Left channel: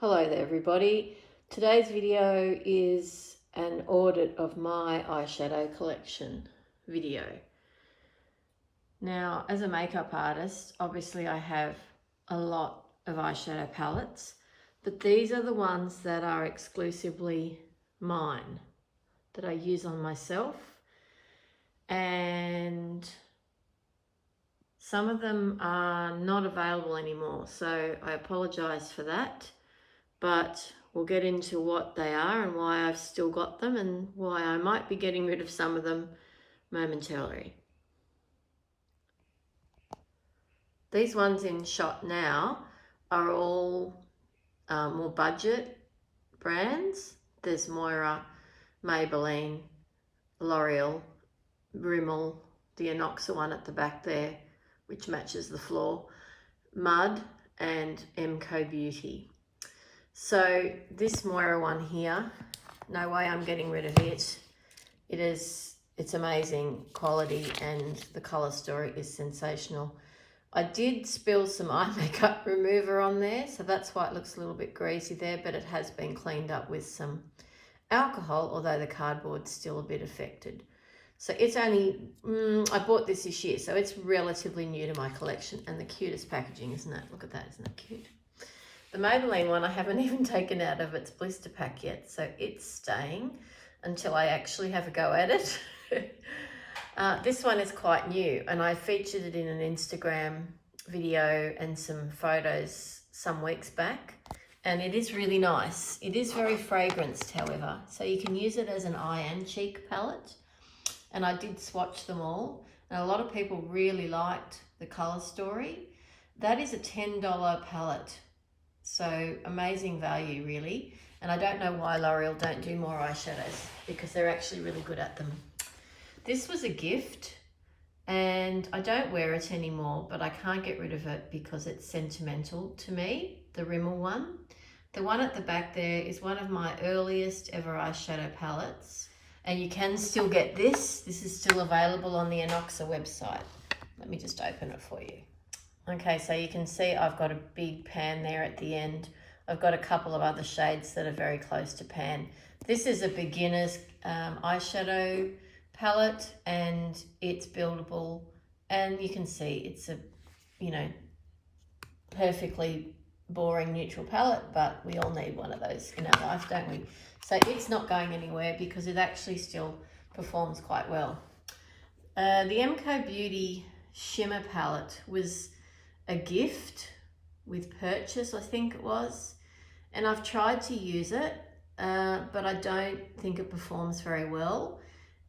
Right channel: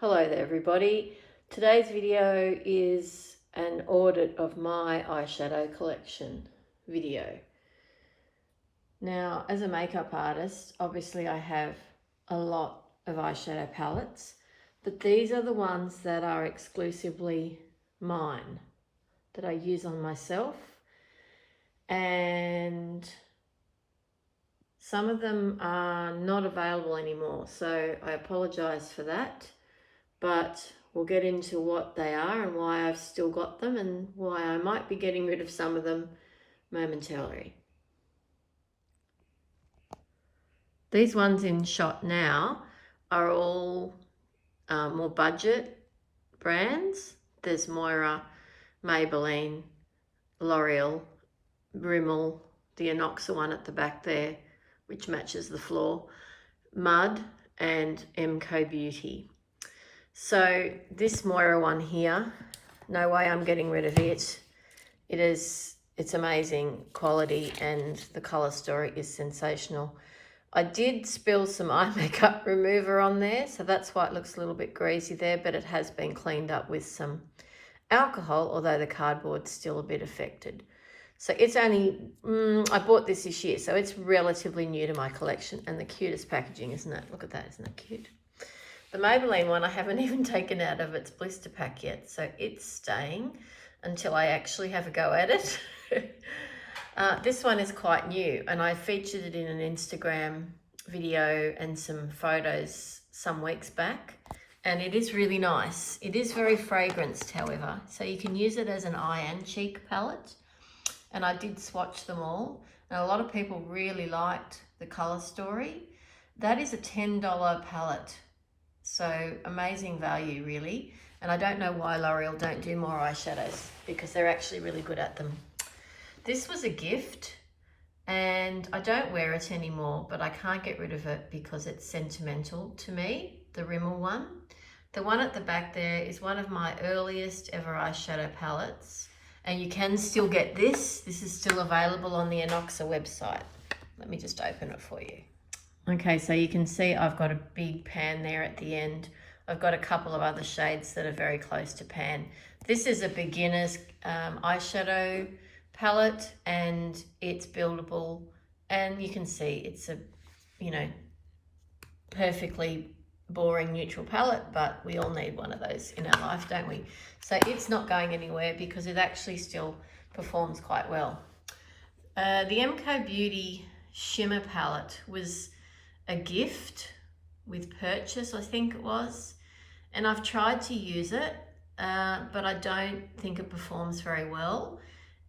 Hello there everybody. Today's video is an audit of my eyeshadow collection video. Now, as a makeup artist, obviously I have a lot of eyeshadow palettes, but these are the ones that are exclusively mine, that I use on myself, and some of them are not available anymore, so I apologize for that. But we'll get into what they are and why I've still got them and why I might be getting rid of some of them momentarily. These ones in shot now are all more budget brands. There's Moira, Maybelline, L'Oreal, Rimmel, the Inoxa one at the back there, which matches the floor, Mud, and MCO Beauty. So this Moira one here, no way I'm getting rid of it. It's amazing quality and the colour story is sensational. I did spill some eye makeup remover on there, so that's why it looks a little bit greasy there, but it has been cleaned up with some alcohol, although the cardboard's still a bit affected. So it's only, I bought this year, so it's relatively new to my collection, and the cutest packaging, isn't it? Look at that, isn't that cute? The Maybelline one I haven't even taken out of its blister pack yet, so it's staying until I actually have a go at it. This one is quite new, and I featured it in an Instagram video and some photos some weeks back, and it is really nice. It is very fragranced, however, so you can use it as an eye and cheek palette, and I did swatch them all, and a lot of people really liked the colour story. That is a $10 palette. So amazing value, really. And I don't know why L'Oreal don't do more eyeshadows, because they're actually really good at them. This was a gift and I don't wear it anymore, but I can't get rid of it because it's sentimental to me, the Rimmel one. The one at the back there is one of my earliest ever eyeshadow palettes, and you can still get this. This is still available on the Inoxa website. Let me just open it for you. Okay, so you can see I've got a big pan there at the end. I've got a couple of other shades that are very close to pan. This is a beginner's eyeshadow palette, and it's buildable, and you can see it's a, perfectly boring neutral palette, but we all need one of those in our life, don't we? So it's not going anywhere because it actually still performs quite well. The MCO Beauty Shimmer palette was a gift with purchase, I think it was, and I've tried to use it, but I don't think it performs very well,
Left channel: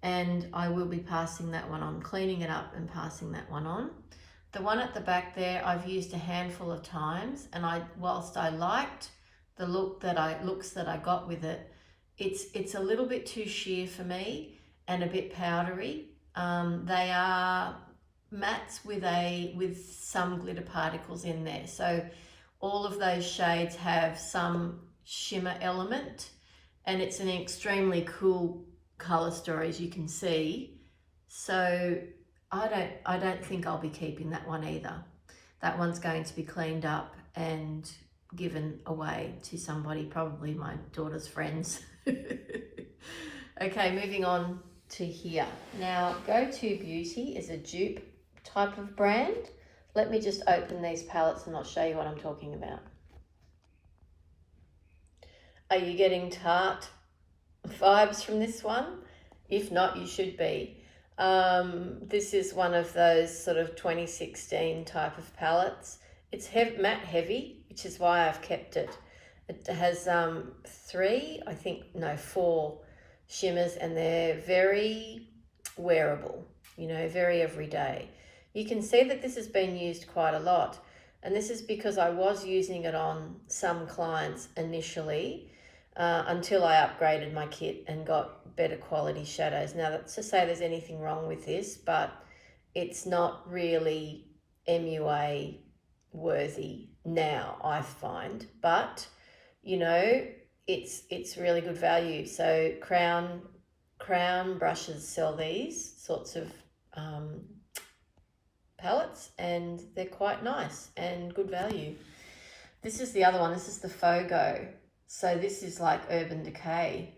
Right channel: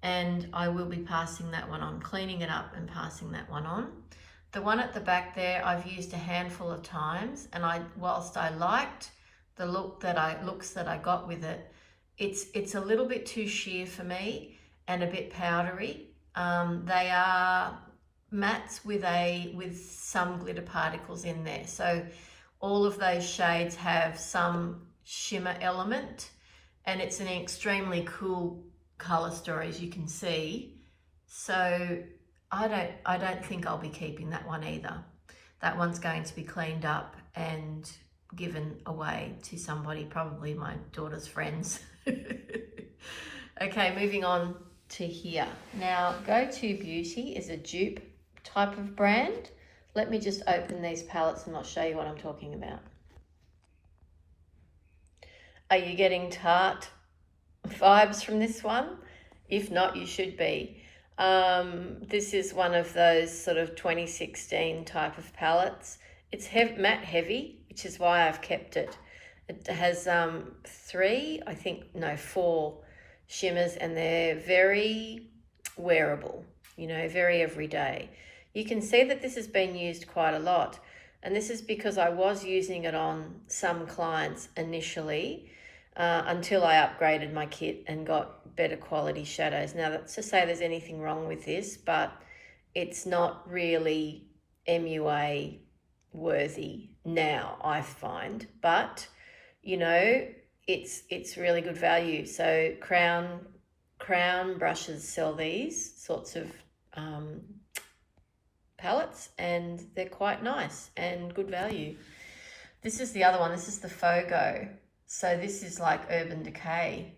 and I will be passing that one on, cleaning it up and passing that one on. The one at the back there I've used a handful of times, and whilst I liked the looks that I got with it, it's a little bit too sheer for me and a bit powdery. They are mattes with some glitter particles in there, so all of those shades have some shimmer element, and it's an extremely cool color story, as you can see. So I don't think I'll be keeping that one either. That one's going to be cleaned up and given away to somebody, probably my daughter's friends. Okay, moving on to here. Now, Go-To Beauty is a dupe type of brand. Let me just open these palettes and I'll show you what I'm talking about. Are you getting Tarte vibes from this one? If not, you should be. This is one of those sort of 2016 type of palettes. It's matte heavy, which is why I've kept it. It has 4 shimmers, and they're very wearable, very everyday. You can see that this has been used quite a lot, and this is because I was using it on some clients initially, until I upgraded my kit and got better quality shadows. Now, that's to say there's anything wrong with this, but it's not really MUA worthy now, I find, but it's really good value. So Crown brushes sell these sorts of palettes, and they're quite nice and good value. This is the other one. This is the Fogo. So this is like Urban Decay.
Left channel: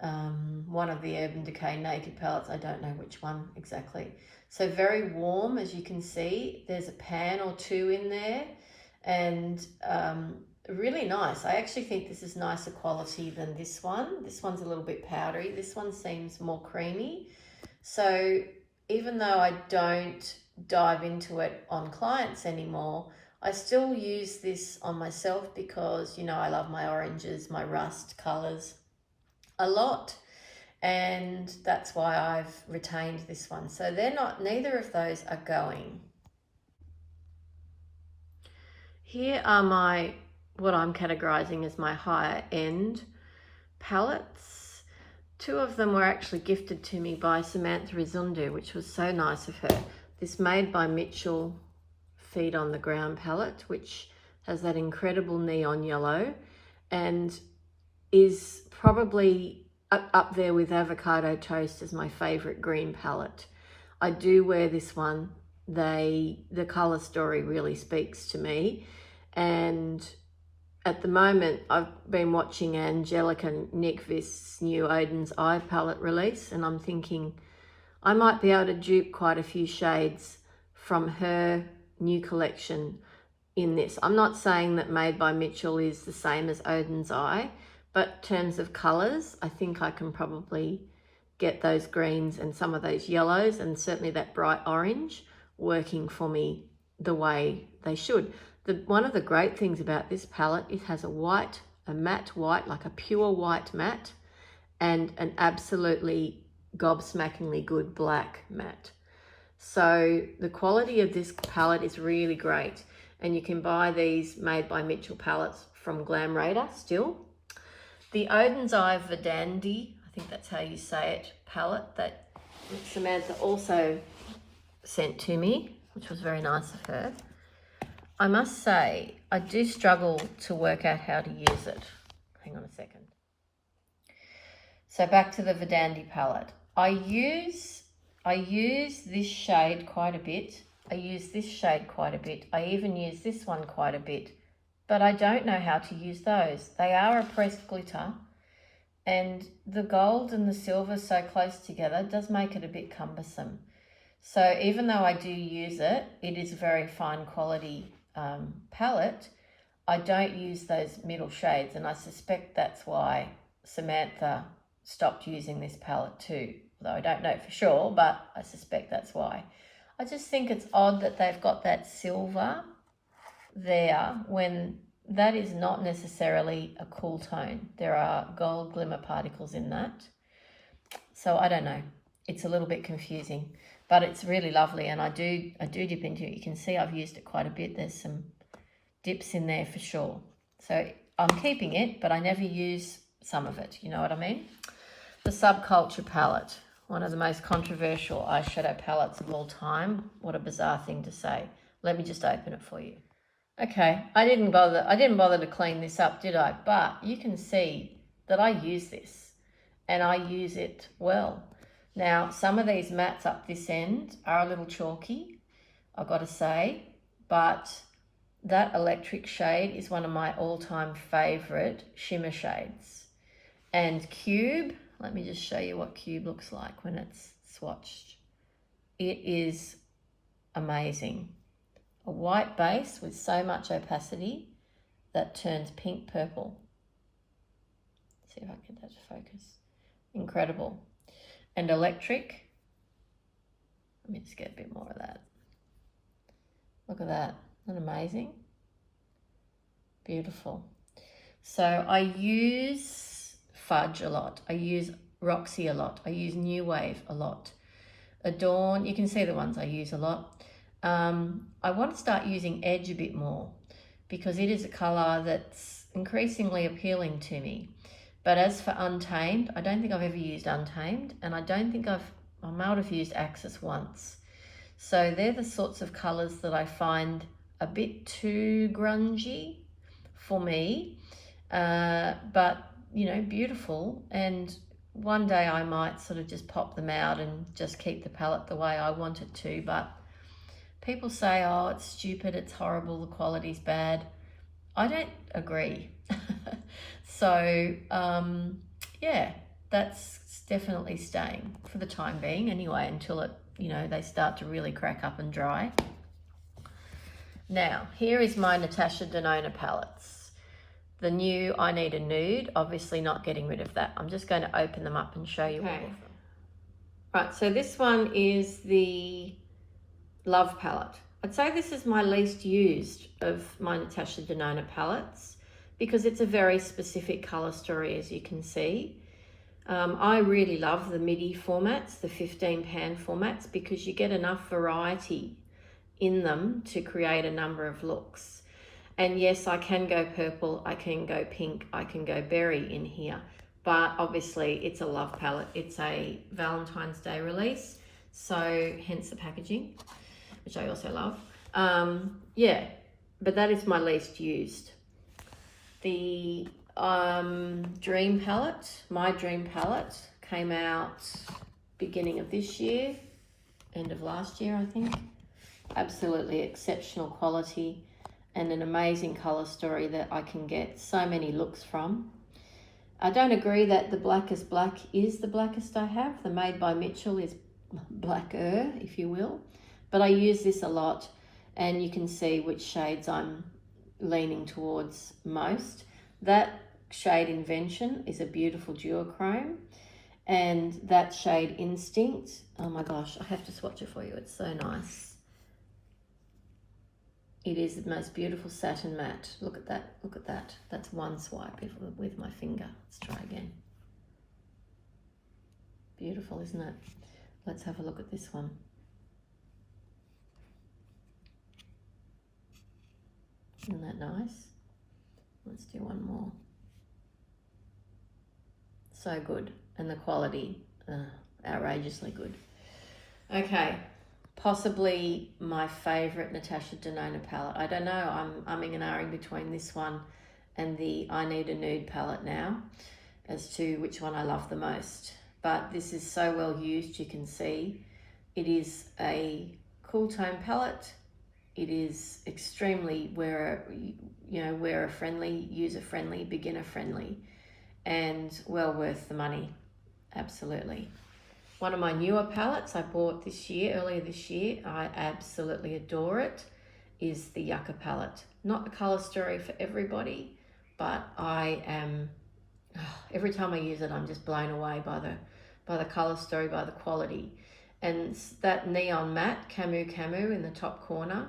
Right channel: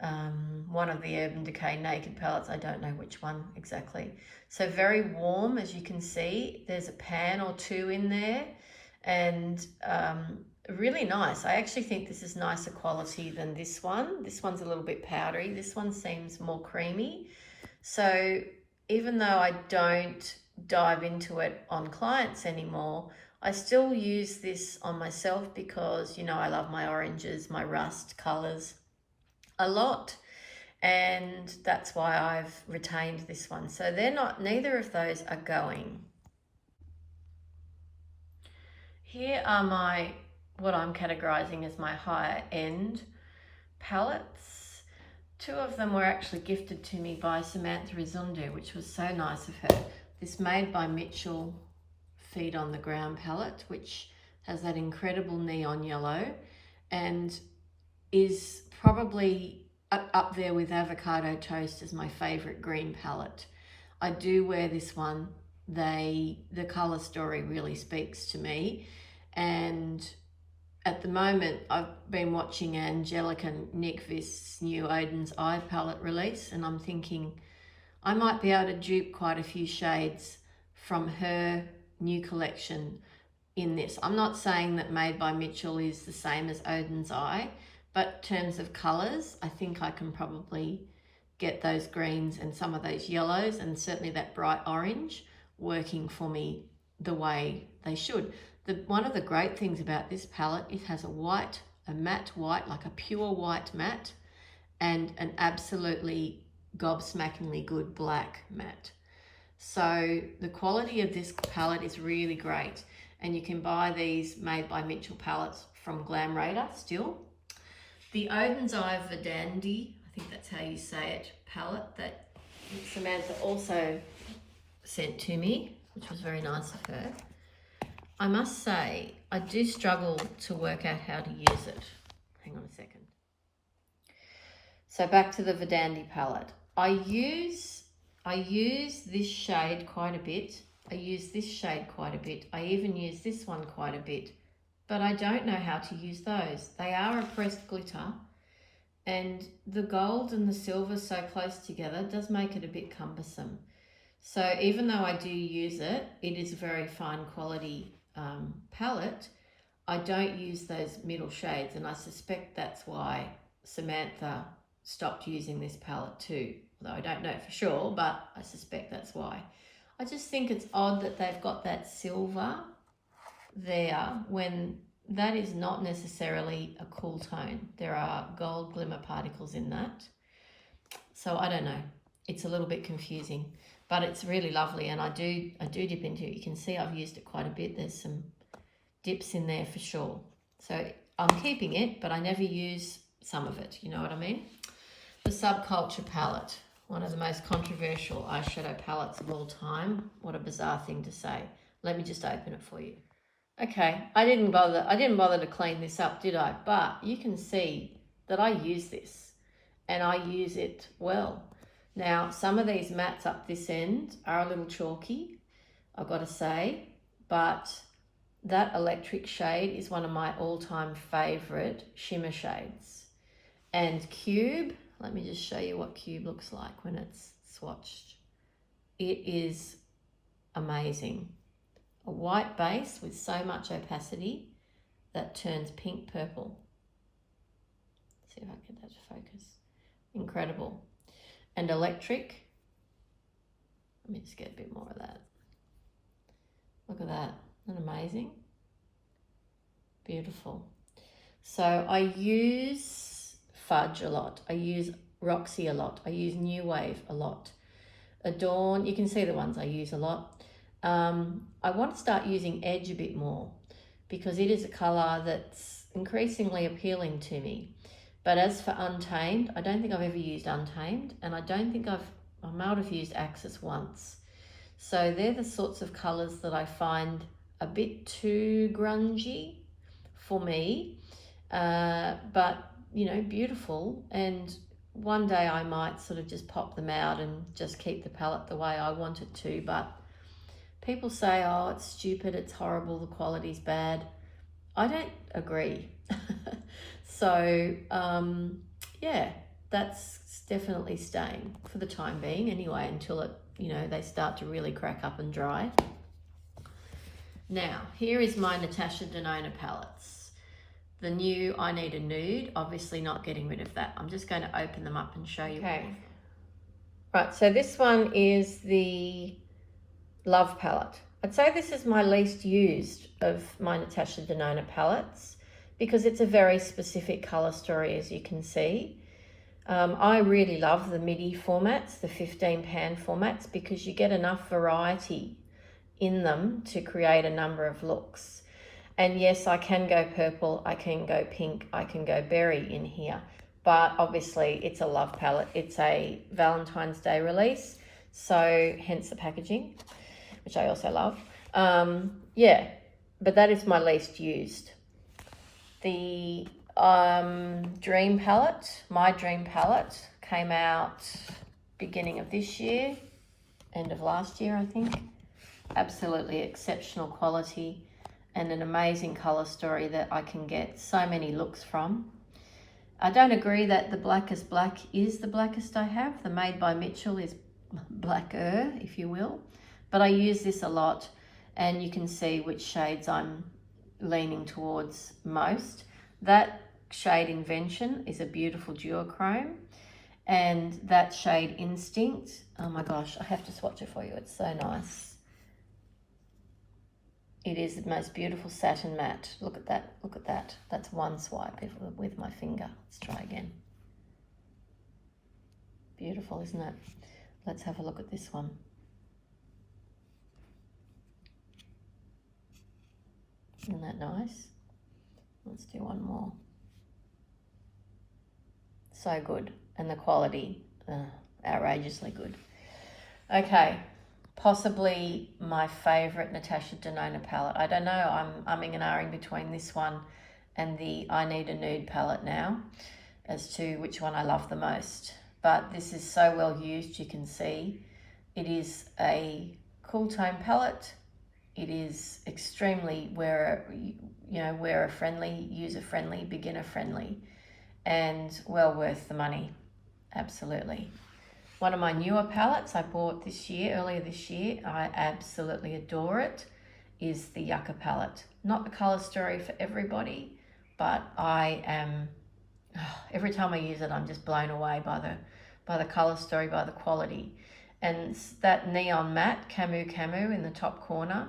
One of the Urban Decay naked palettes. I don't know which one exactly. So very warm, as you can see. There's a pan or two in there, and really nice. I actually think this is nicer quality than this one. This one's a little bit powdery. This one seems more creamy. So even though I don't dive into it on clients anymore, I still use this on myself because, you know, I love my oranges, my rust colors a lot. And that's why I've retained this one. So neither of those are going. Here are what I'm categorizing as my higher end palettes. Two of them were actually gifted to me by Samantha Izundu, which was so nice of her. This Made by Mitchell Feet on the Ground palette, which has that incredible neon yellow and is probably up there with Avocado Toast as my favorite green palette. I do wear this one. The color story really speaks to me, and at the moment I've been watching Angelica Nyqvist's new Odin's Eye palette release, and I'm thinking I might be able to dupe quite a few shades from her new collection in this. I'm not saying that Made by Mitchell is the same as Odin's Eye, but in terms of colors, I think I can probably get those greens and some of those yellows and certainly that bright orange working for me the way they should. One of the great things about this palette, it has a matte white, like a pure white matte, and an absolutely gobsmackingly good black matte. So the quality of this palette is really great, and you can buy these Made by Mitchell palettes from Glam Radar still. The Odin's Eye Verdandi, I think that's how you say it, palette that Samantha also sent to me, which was very nice of her. I must say, I do struggle to work out how to use it. Hang on a second. So back to the Verdandi palette. I use this shade quite a bit. I use this shade quite a bit. I even use this one quite a bit, but I don't know how to use those. They are a pressed glitter, and the gold and the silver so close together does make it a bit cumbersome. So even though I do use it, it is a very fine quality palette. I don't use those middle shades, and I suspect that's why Samantha stopped using this palette too. Though I don't know for sure, but I suspect that's why. I just think it's odd that they've got that silver there when that is not necessarily a cool tone. There are gold glimmer particles in that. So I don't know. It's a little bit confusing, but it's really lovely, and I do dip into it. You can see I've used it quite a bit. There's some dips in there for sure. So I'm keeping it, but I never use some of it. You know what I mean? The Subculture palette, one of the most controversial eyeshadow palettes of all time. What a bizarre thing to say. Let me just open it for you. Okay, I didn't bother to clean this up, did I? But you can see that I use this, and I use it well. Now, some of these mattes up this end are a little chalky, I've got to say, but that electric shade is one of my all-time favorite shimmer shades. And Cube, let me just show you what Cube looks like when it's swatched. It is amazing. A white base with so much opacity that turns pink purple. See if I can get that to focus. Incredible. And electric. Let me just get a bit more of that. Look at that. Isn't that amazing? Beautiful. So I use Fudge a lot. I use Roxy a lot. I use New Wave a lot. Adorn, you can see the ones I use a lot. I want to start using Edge a bit more because it is a colour that's increasingly appealing to me. But as for Untamed, I don't think I've ever used Untamed, and I don't think I might have used Axis once. So they're the sorts of colours that I find a bit too grungy for me, but you know, beautiful. And one day I might sort of just pop them out and just keep the palette the way I want it to. But people say, oh, it's stupid, it's horrible, the quality's bad. I don't agree. So, yeah, that's definitely staying for the time being anyway, until it, they start to really crack up and dry. Now, here is my Natasha Denona palettes. The new I Need a Nude, obviously not getting rid of that. I'm just going to open them up and show you all of them. Right, so this one is the Love palette. I'd say this is my least used of my Natasha Denona palettes because it's a very specific colour story, as you can see. I really love the MIDI formats, the 15 pan formats, because you get enough variety in them to create a number of looks. And yes, I can go purple, I can go pink, I can go berry in here, but obviously it's a Love palette. It's a Valentine's Day release, so hence the packaging, which I also love. Yeah, but that is my least used. The Dream palette, my Dream palette, came out beginning of this year, end of last year, I think. Absolutely exceptional quality and an amazing colour story that I can get so many looks from. I don't agree that the Blackest Black is the blackest I have. The Made by Mitchell is blacker, if you will. But I use this a lot, and you can see which shades I'm leaning towards most. That shade Invention is a beautiful duochrome, and that shade Instinct, oh my gosh, I have to swatch it for you. It's so nice. It is the most beautiful satin matte. Look at that, look at that. That's one swipe with my finger. Let's try again. Beautiful, isn't it? Let's have a look at this one. Isn't that nice? Let's do one more. So good. And the quality, outrageously good. Okay, possibly my favourite Natasha Denona palette. I don't know, I'm umming and ahhing between this one and the I Need a Nude palette now as to which one I love the most. But this is so well used, you can see. It is a cool tone palette. It is extremely wearer friendly, user friendly, beginner friendly, and well worth the money. Absolutely. One of my newer palettes I bought earlier this year, I absolutely adore it, is the Yucca palette. Not the colour story for everybody, but every time I use it, I'm just blown away by the colour story, by the quality. And that neon matte, Camu in the top corner,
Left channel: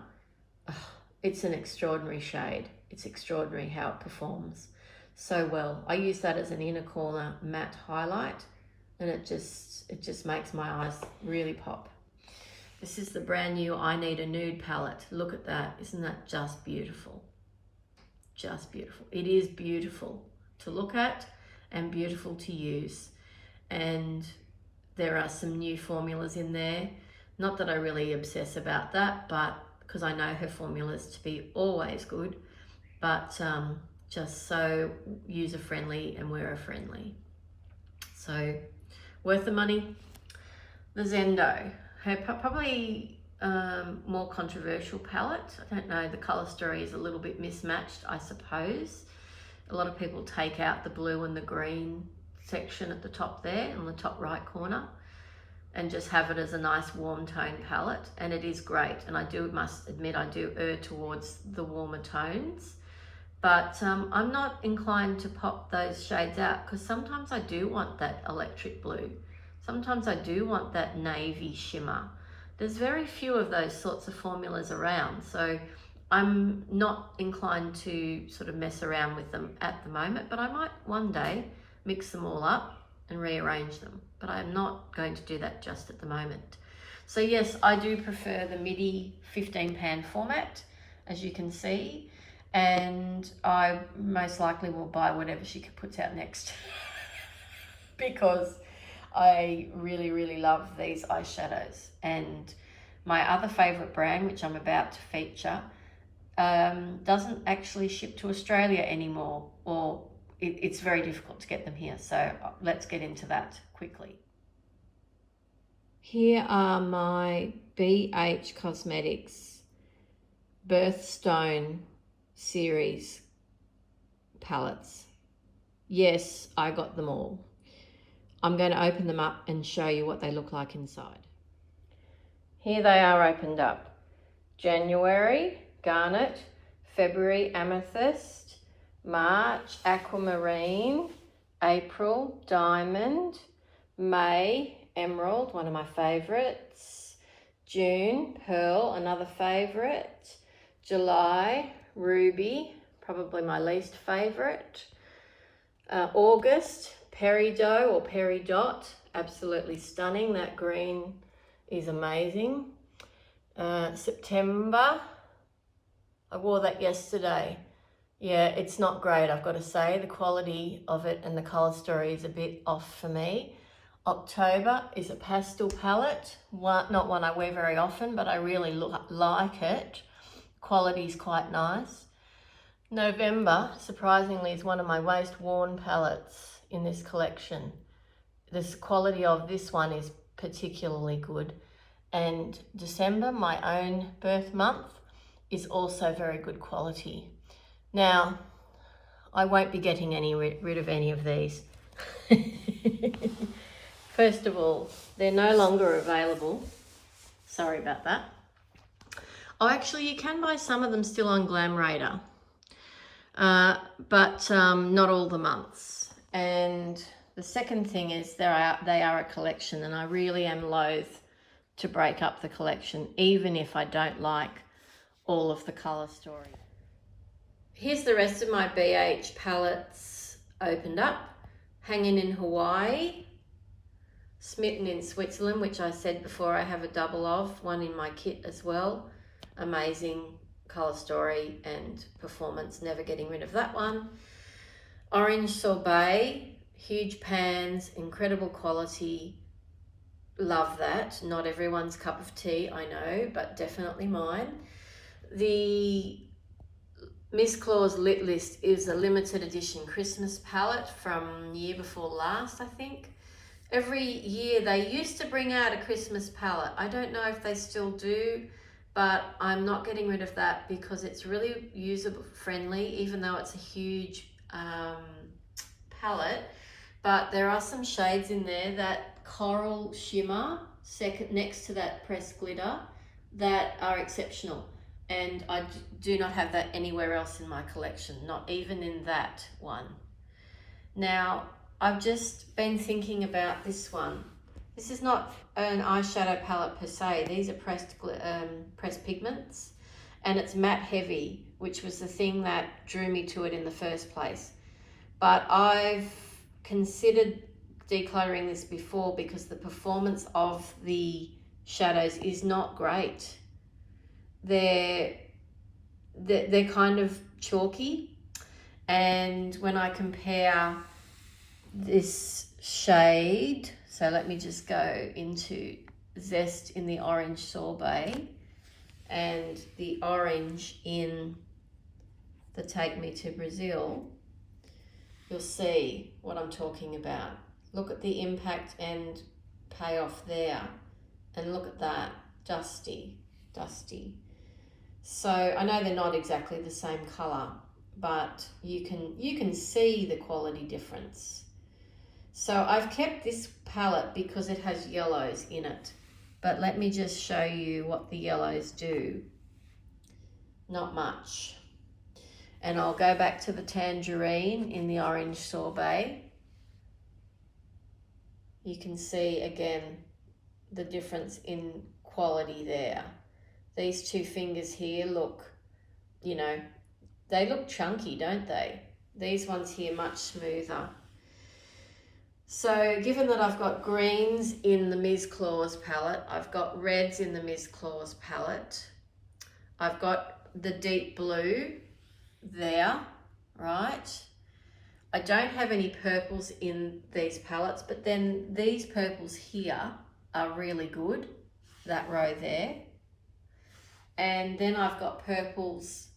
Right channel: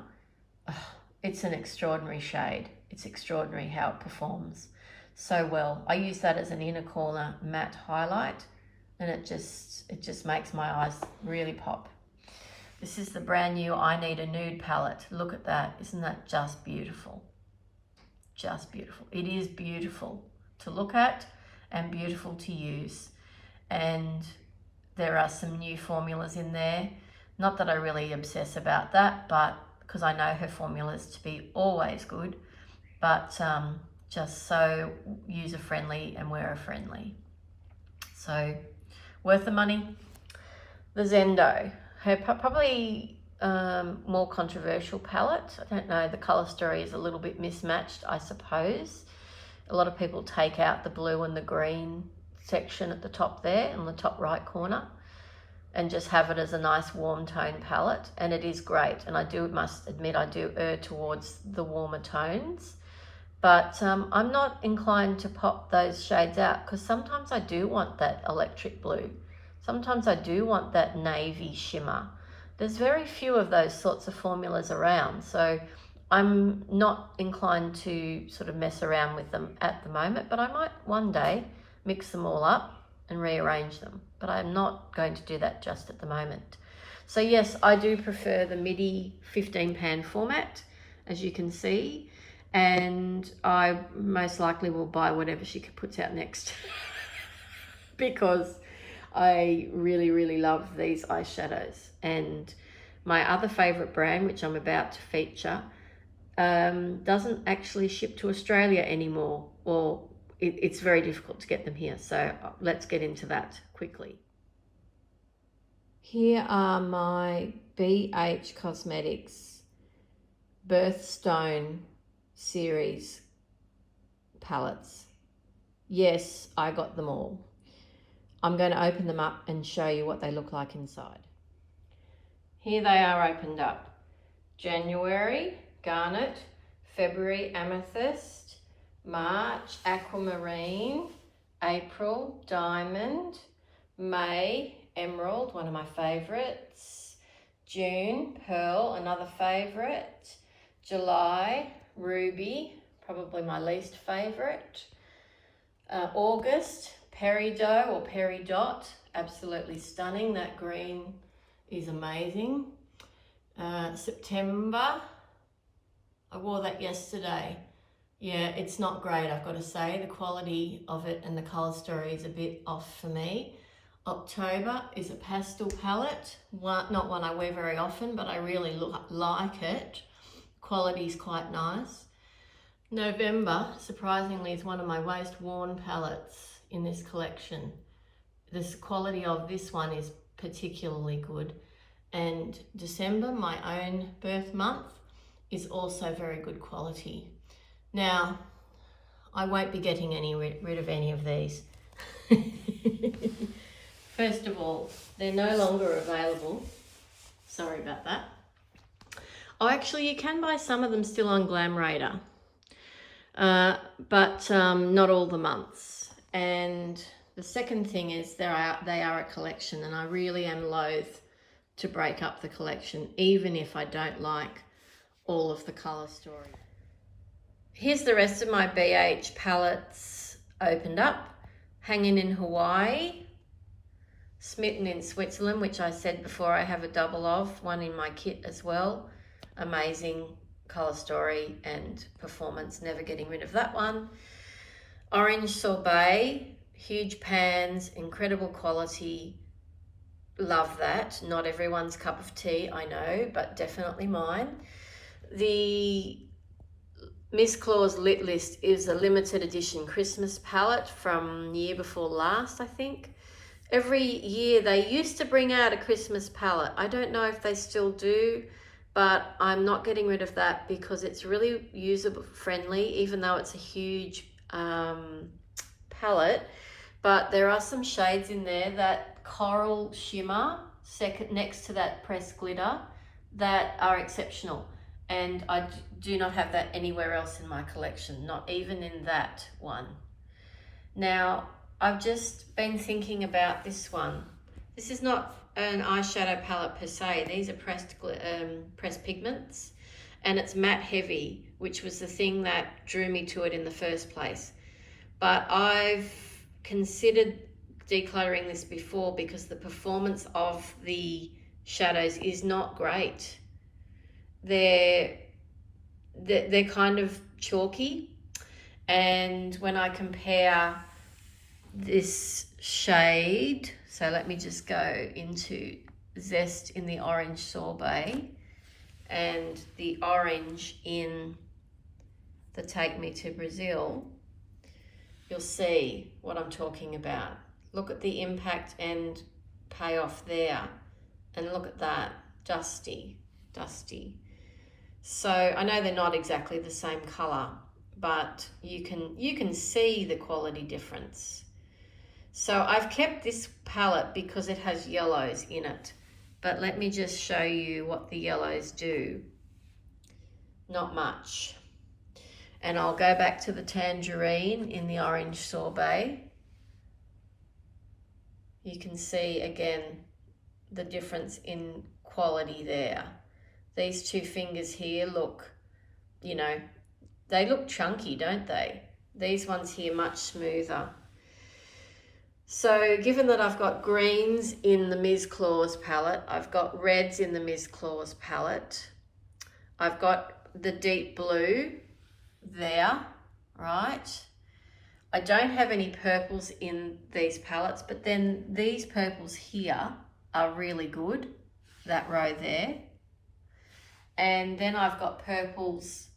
it's an extraordinary shade. It's extraordinary how it performs so well. I use that as an inner corner matte highlight, and it just makes my eyes really pop. This is the brand new I Need a Nude palette. Look at that. Isn't that just beautiful? Just beautiful. It is beautiful to look at and beautiful to use. And there are some new formulas in there. Not that I really obsess about that, but because I know her formulas to be always good, but just so user-friendly and wearer-friendly. So worth the money. The Zendo, her probably more controversial palette. I don't know, the colour story is a little bit mismatched, I suppose. A lot of people take out the blue and the green section at the top there, on the top right corner, and just have it as a nice warm tone palette, and it is great. And I must admit, I do err towards the warmer tones, but I'm not inclined to pop those shades out, because sometimes I do want that electric blue. Sometimes I do want that navy shimmer. There's very few of those sorts of formulas around, so I'm not inclined to sort of mess around with them at the moment, but I might one day mix them all up and rearrange them, but I'm not going to do that just at the moment. So yes, I do prefer the MIDI 15 pan format, as you can see, and I most likely will buy whatever she puts out next because I really, really love these eyeshadows. And my other favorite brand, which I'm about to feature, doesn't actually ship to Australia anymore, or it's very difficult to get them here. So let's get into that quickly. Here are my BH Cosmetics Birthstone series palettes. Yes, I got them all. I'm going to open them up and show you what they look like inside. Here they are opened up. January, garnet. February, amethyst. March, aquamarine. April, diamond. May, emerald, one of my favourites. June, pearl, another favourite. July, ruby, probably my least favourite. August, peridot or peridot, absolutely stunning. That green is amazing. September, I wore that yesterday. Yeah, it's not great, I've got to say. The quality of it and the colour story is a bit off for me. October is a pastel palette, not one I wear very often, but I really like it. Quality is quite nice. November, surprisingly, is one of my most worn palettes in this collection. The quality of this one is particularly good. And December, my own birth month, is also very good quality. Now, I won't be getting rid of any of these. First of all, they're no longer available. Sorry about that. Oh, actually, you can buy some of them still on Glam Radar, but not all the months. And the second thing is they are a collection, and I really am loath to break up the collection, even if I don't like all of the colour story. Here's the rest of my BH palettes opened up. Hanging in Hawaii, Smitten in Switzerland, which I said before I have a double of, one in my kit as well. Amazing colour story and performance, never getting rid of that one. Orange Sorbet, huge pans, incredible quality, love that. Not everyone's cup of tea, I know, but definitely mine. The Miss Claus Lit List is a limited edition Christmas palette from year before last, I think. Every year they used to bring out a Christmas palette. I don't know if they still do, but I'm not getting rid of that because it's really user friendly, even though it's a huge palette. But there are some shades in there, that coral shimmer next to that pressed glitter, that are exceptional. And I do not have that anywhere else in my collection, not even in that one. Now, I've just been thinking about this one. This is not an eyeshadow palette per se. These are pressed pigments, and it's matte heavy, which was the thing that drew me to it in the first place. But I've considered decluttering this before because the performance of the shadows is not great. They're kind of chalky, and when I compare this shade, so let me just go into Zest in the Orange Sorbet and the orange in the Take Me to Brazil, you'll see what I'm talking about. Look at the impact and payoff there, and look at that, dusty. So I know they're not exactly the same color, but you can see the quality difference. So I've kept this palette because it has yellows in it, but let me just show you what the yellows do. Not much. And I'll go back to the tangerine in the Orange Sorbet. You can see again the difference in quality there. These two fingers here look, you know, they look chunky, don't they? These ones here much smoother. So given that I've got greens in the Ms. Claus palette, I've got reds in the Ms. Claus palette, I've got the deep blue there, right? I don't have any purples in these palettes, but then these purples here are really good, that row there. And then I've got purples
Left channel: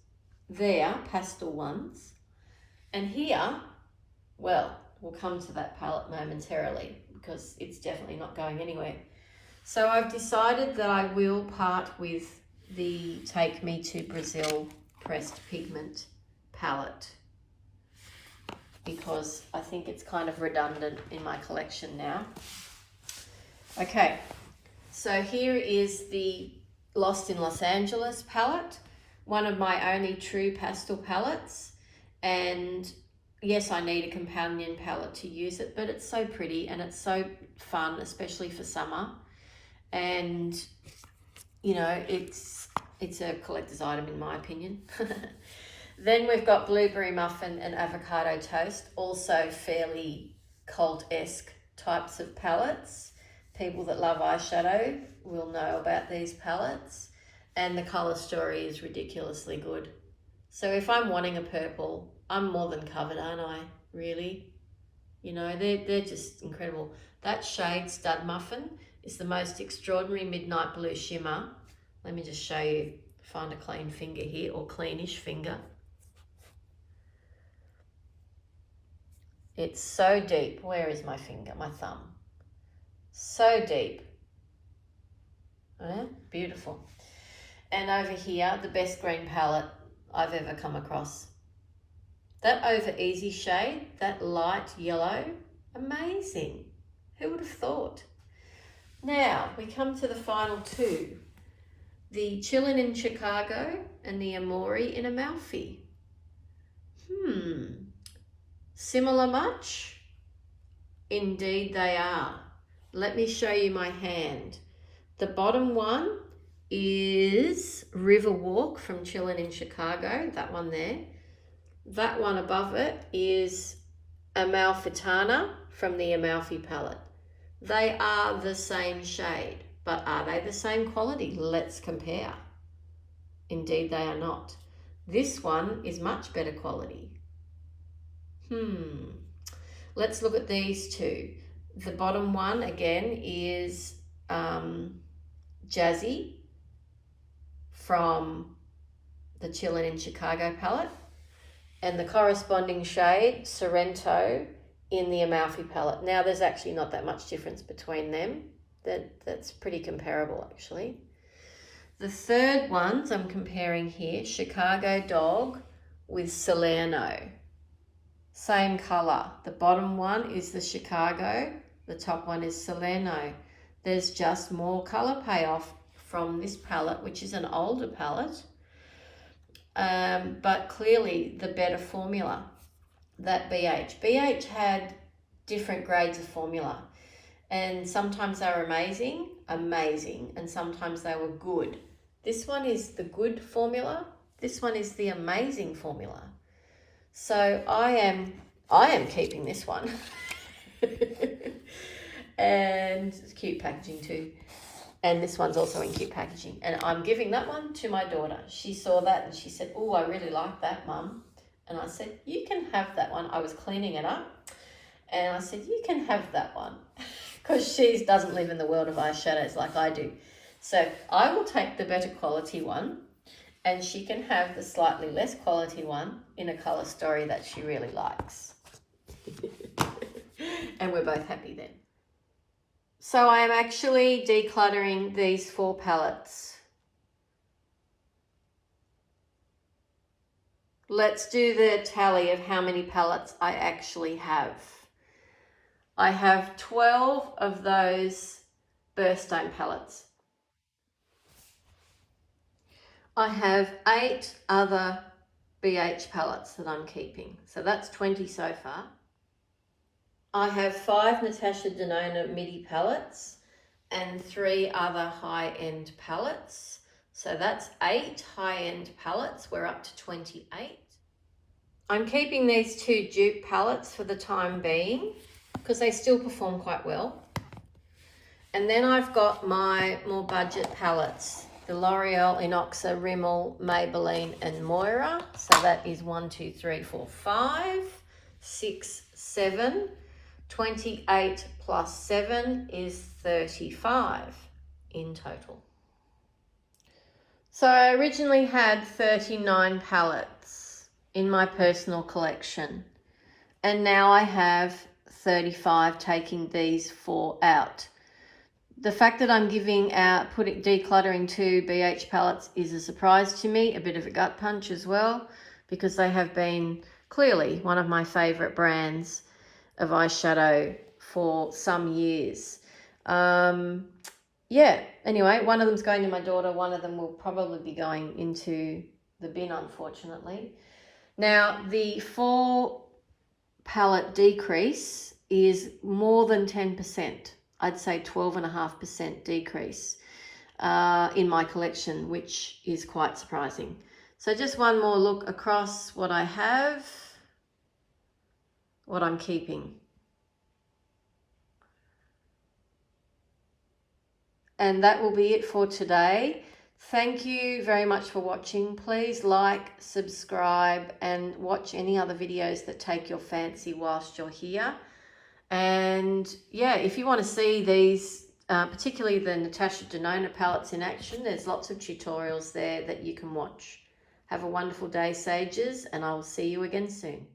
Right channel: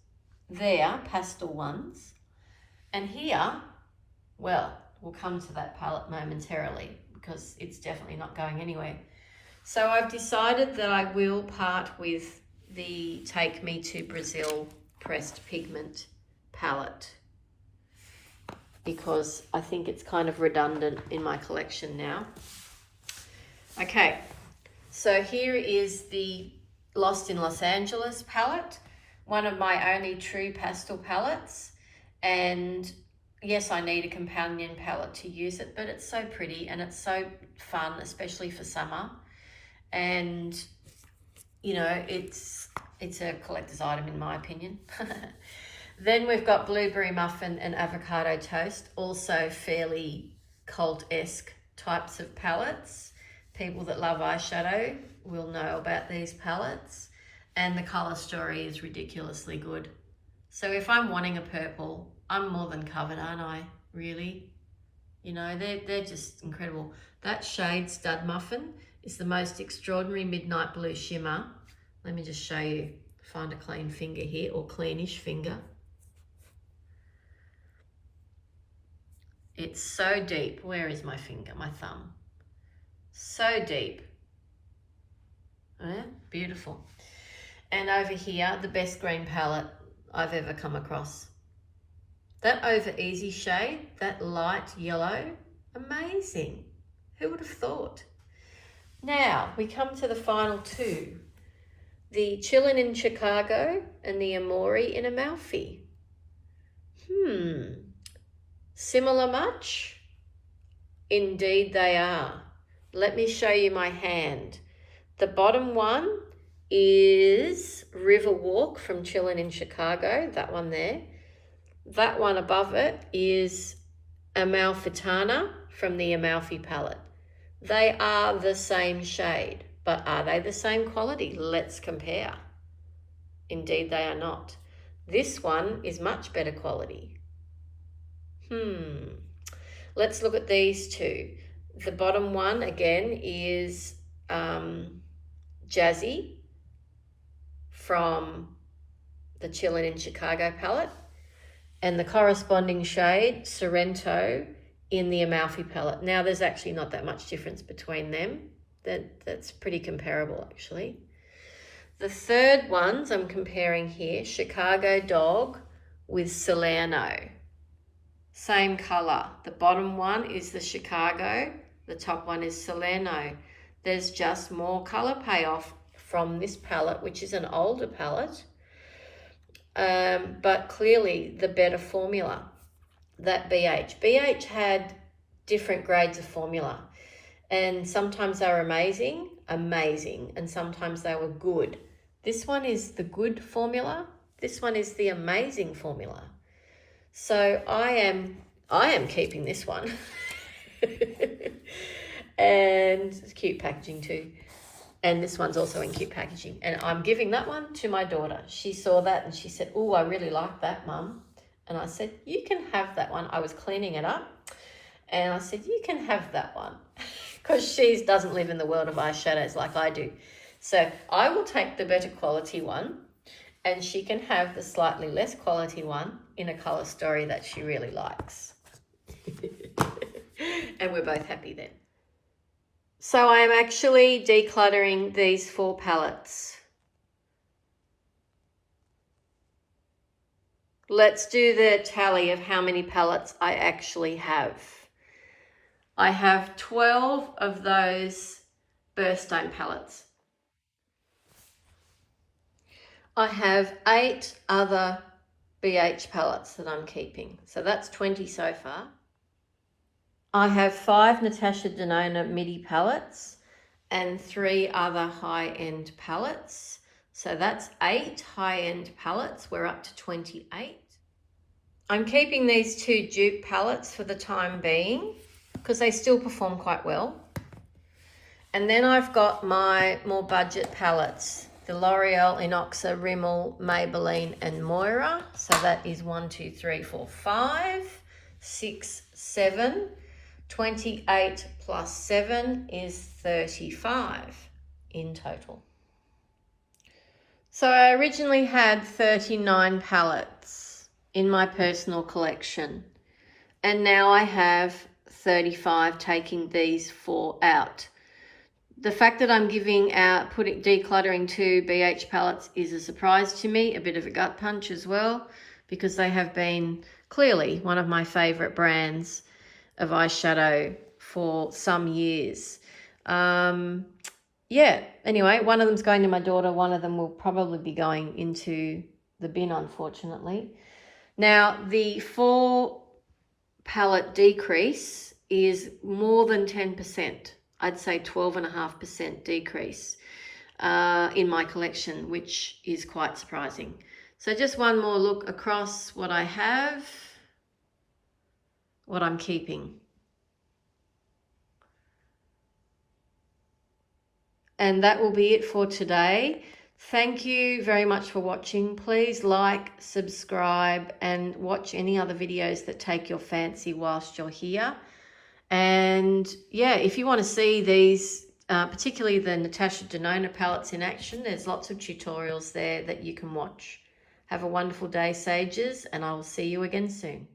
there, pastel ones. And here, well, we'll come to that palette momentarily because it's definitely not going anywhere. So I've decided that I will part with the Take Me to Brazil pressed pigment palette. because I think it's kind of redundant in my collection now. Okay, so here is the Lost in Los Angeles palette, one of my only true pastel palettes. And yes, I need a companion palette to use it, but it's so pretty and it's so fun, especially for summer. And, you know, it's a collector's item in my opinion. Then we've got Blueberry Muffin and Avocado Toast, also fairly cult-esque types of palettes. People that love eyeshadow will know about these palettes. And the colour story is ridiculously good. So if I'm wanting a purple, I'm more than covered, aren't I? Really? You know, they're just incredible. That shade Stud Muffin is the most extraordinary midnight blue shimmer. Let me just show you, find a clean finger here, or cleanish finger. It's so deep. Where is my finger, my thumb? So deep. Yeah, beautiful. And over here, the best green palette I've ever come across. That Over Easy shade, that light yellow, amazing. Who would have thought? Now, we come to the final two. The Chillin' in Chicago and the Amori in Amalfi. Similar much? Indeed they are. Let me show you my hand. The bottom one is Riverwalk from Chillin' in Chicago, that one there. That one above it is Amalfitana from the Amalfi palette. They are the same shade, but are they the same quality? Let's compare. Indeed they are not. This one is much better quality. Let's look at these two. The bottom one again is Jazzy from the Chillin' in Chicago palette, and the corresponding shade Sorrento in the Amalfi palette. Now there's actually not that much difference between them. That's pretty comparable actually. The third ones I'm comparing here, Chicago Dog with Salerno. Same colour. The bottom one is the Chicago, the top one is Salerno. There's just more colour payoff from this palette, which is an older palette, but clearly the better formula, that BH. BH had different grades of formula, and sometimes they were amazing, and sometimes they were good. This one is the good formula. This one is the amazing formula. So I am keeping this one. And it's cute packaging too. And this one's also in cute packaging. And I'm giving that one to my daughter. She saw that and she said, "Oh, I really like that, Mum." And I said, "You can have that one." I was cleaning it up. And I said, "You can have that one." Because she doesn't live in the world of eyeshadows like I do. So I will take the better quality one, and she can have the slightly less quality one in a colour story that she really likes. And we're both happy then. So I am actually decluttering these 4 palettes. Let's do the tally of how many palettes I actually have. I have 12 of those birthstone palettes. I have 8 other BH palettes that I'm keeping. So that's 20 so far. I have 5 Natasha Denona MIDI palettes and 3 other high-end palettes. So that's 8 high-end palettes. We're up to 28. I'm keeping these 2 dupe palettes for the time being because they still perform quite well. And then I've got my more budget palettes, the L'Oreal, Inoxa, Rimmel, Maybelline and Moira. So that is 1, 2, 3, 4, 5, 6, 7. 28 plus 7 is 35 in total. So I originally had 39 palettes in my personal collection, and now I have 35, taking these 4 out. The fact that I'm decluttering 2 BH palettes is a surprise to me, a bit of a gut punch as well, because they have been Clearly one of my favourite brands of eyeshadow for some years. Yeah, anyway, one of them's going to my daughter. One of them will probably be going into the bin, unfortunately. Now, the 4 palette decrease is more than 10%. I'd say 12.5% decrease in my collection, which is quite surprising. So just one more look across what I have, what I'm keeping. And that will be it for today. Thank you very much for watching. Please like, subscribe, and watch any other videos that take your fancy whilst you're here. And yeah, if you want to see these, particularly the Natasha Denona palettes in action, there's lots of tutorials there that you can watch. Have a wonderful day, Sages, and I'll see you again soon.